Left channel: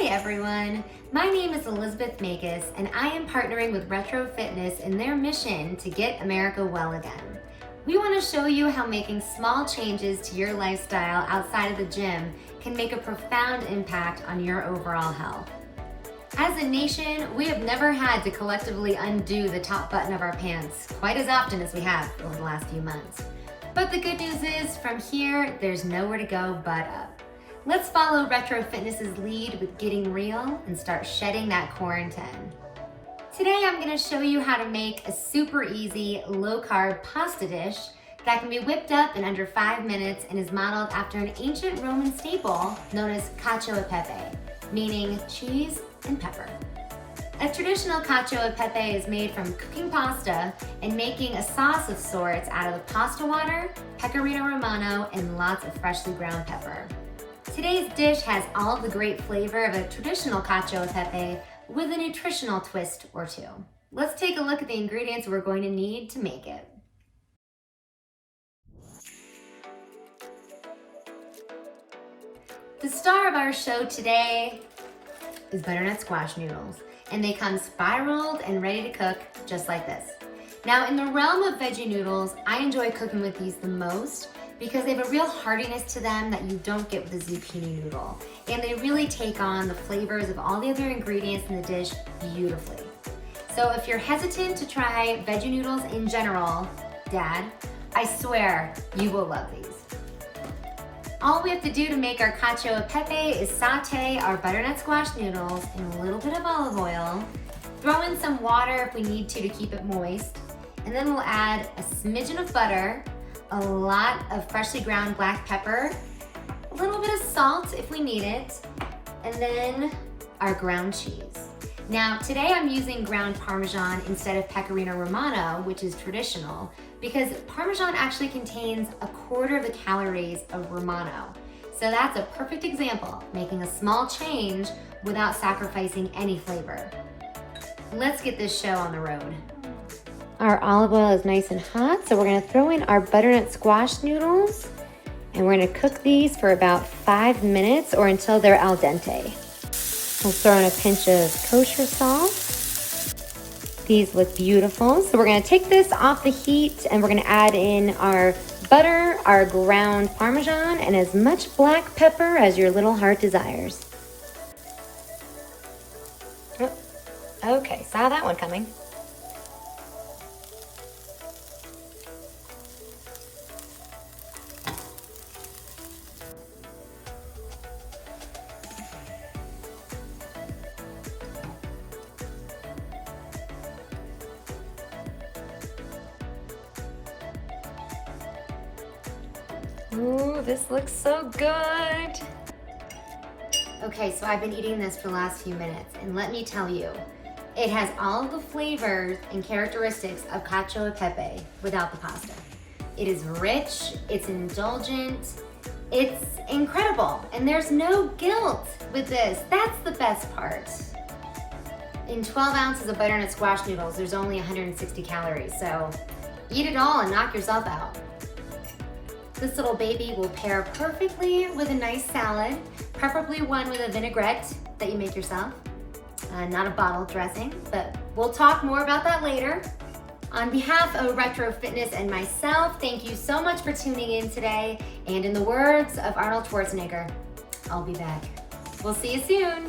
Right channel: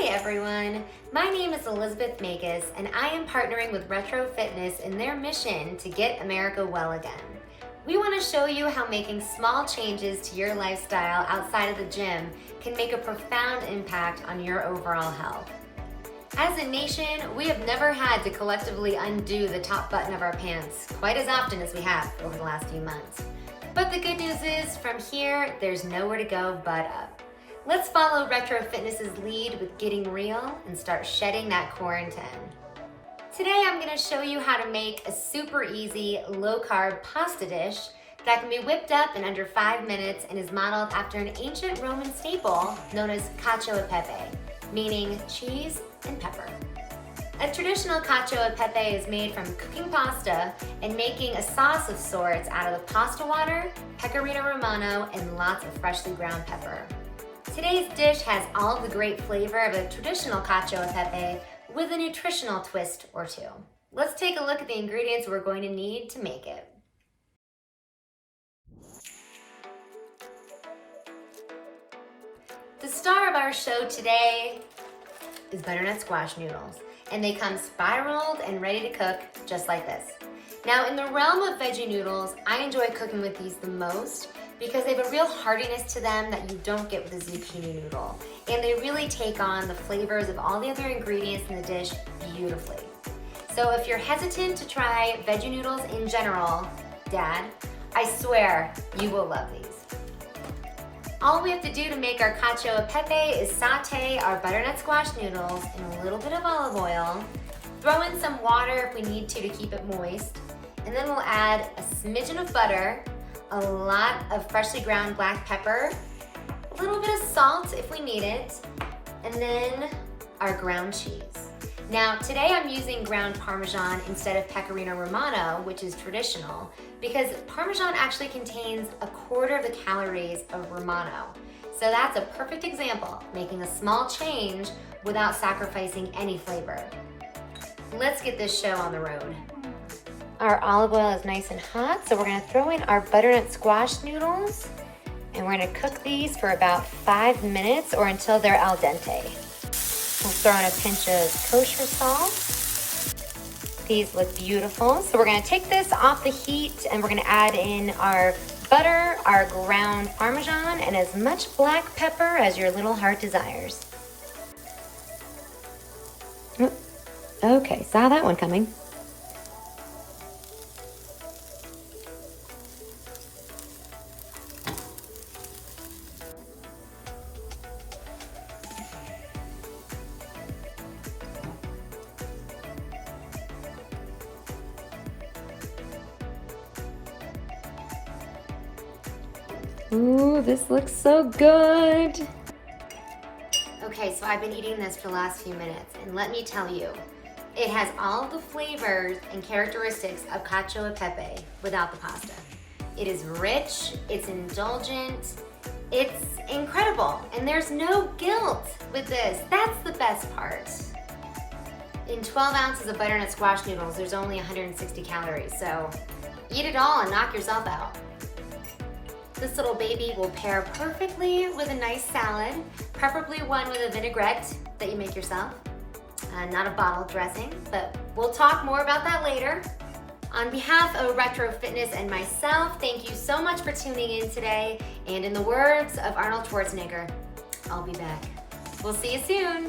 Hi everyone, my name is Elizabeth Makos and I am partnering with Retro Fitness in their mission to get America well again. We want to show you how making small changes to your lifestyle outside of the gym can make a profound impact on your overall health. As a nation, we have never had to collectively undo the top button of our pants quite as often as we have over the last few months. But the good news is, from here, there's nowhere to go but up. Let's follow Retro Fitness's lead with getting real and start shedding that quarantine. Today I'm going to show you how to make a super easy low-carb pasta dish that can be whipped up in under 5 minutes and is modeled after an ancient Roman staple known as Cacio e Pepe, meaning cheese and pepper. A traditional cacio e pepe is made from cooking pasta and making a sauce of sorts out of the pasta water, pecorino romano, and lots of freshly ground pepper. Today's dish has all of the great flavor of a traditional cacio e pepe with a nutritional twist or two. Let's take a look at the ingredients we're going to need to make it. The star of our show today is butternut squash noodles, and they come spiraled and ready to cook just like this. Now, in the realm of veggie noodles, I enjoy cooking with these the most because they have a real heartiness to them that you don't get with a zucchini noodle. And they really take on the flavors of all the other ingredients in the dish beautifully. So if you're hesitant to try veggie noodles in general, Dad, I swear you will love these. All we have to do to make our cacio e pepe is saute our butternut squash noodles in a little bit of olive oil, throw in some water if we need to keep it moist, and then we'll add a smidgen of butter, a lot of freshly ground black pepper, a little bit of salt if we need it, and then our ground cheese. Now, today I'm using ground Parmesan instead of pecorino romano, which is traditional, because Parmesan actually contains 1/4 of the calories of Romano. So that's a perfect example, making a small change without sacrificing any flavor. Let's get this show on the road. Our olive oil is nice and hot, so we're gonna throw in our butternut squash noodles, and we're gonna cook these for about 5 minutes or until they're al dente. We'll throw in a pinch of kosher salt. These look beautiful, so we're gonna take this off the heat and we're gonna add in our butter, our ground Parmesan, and as much black pepper as your little heart desires. Oh, okay, saw that one coming. Ooh, this looks so good. Okay, so I've been eating this for the last few minutes, and let me tell you, it has all the flavors and characteristics of cacio e pepe without the pasta. It is rich, it's indulgent, it's incredible, and there's no guilt with this. That's the best part. In 12 ounces of butternut squash noodles, there's only 160 calories, so eat it all and knock yourself out. This little baby will pair perfectly with a nice salad, preferably one with a vinaigrette that you make yourself, not a bottle dressing, but we'll talk more about that later. On behalf of Retro Fitness and myself, thank you so much for tuning in today, and in the words of Arnold Schwarzenegger, I'll be back. We'll see you soon.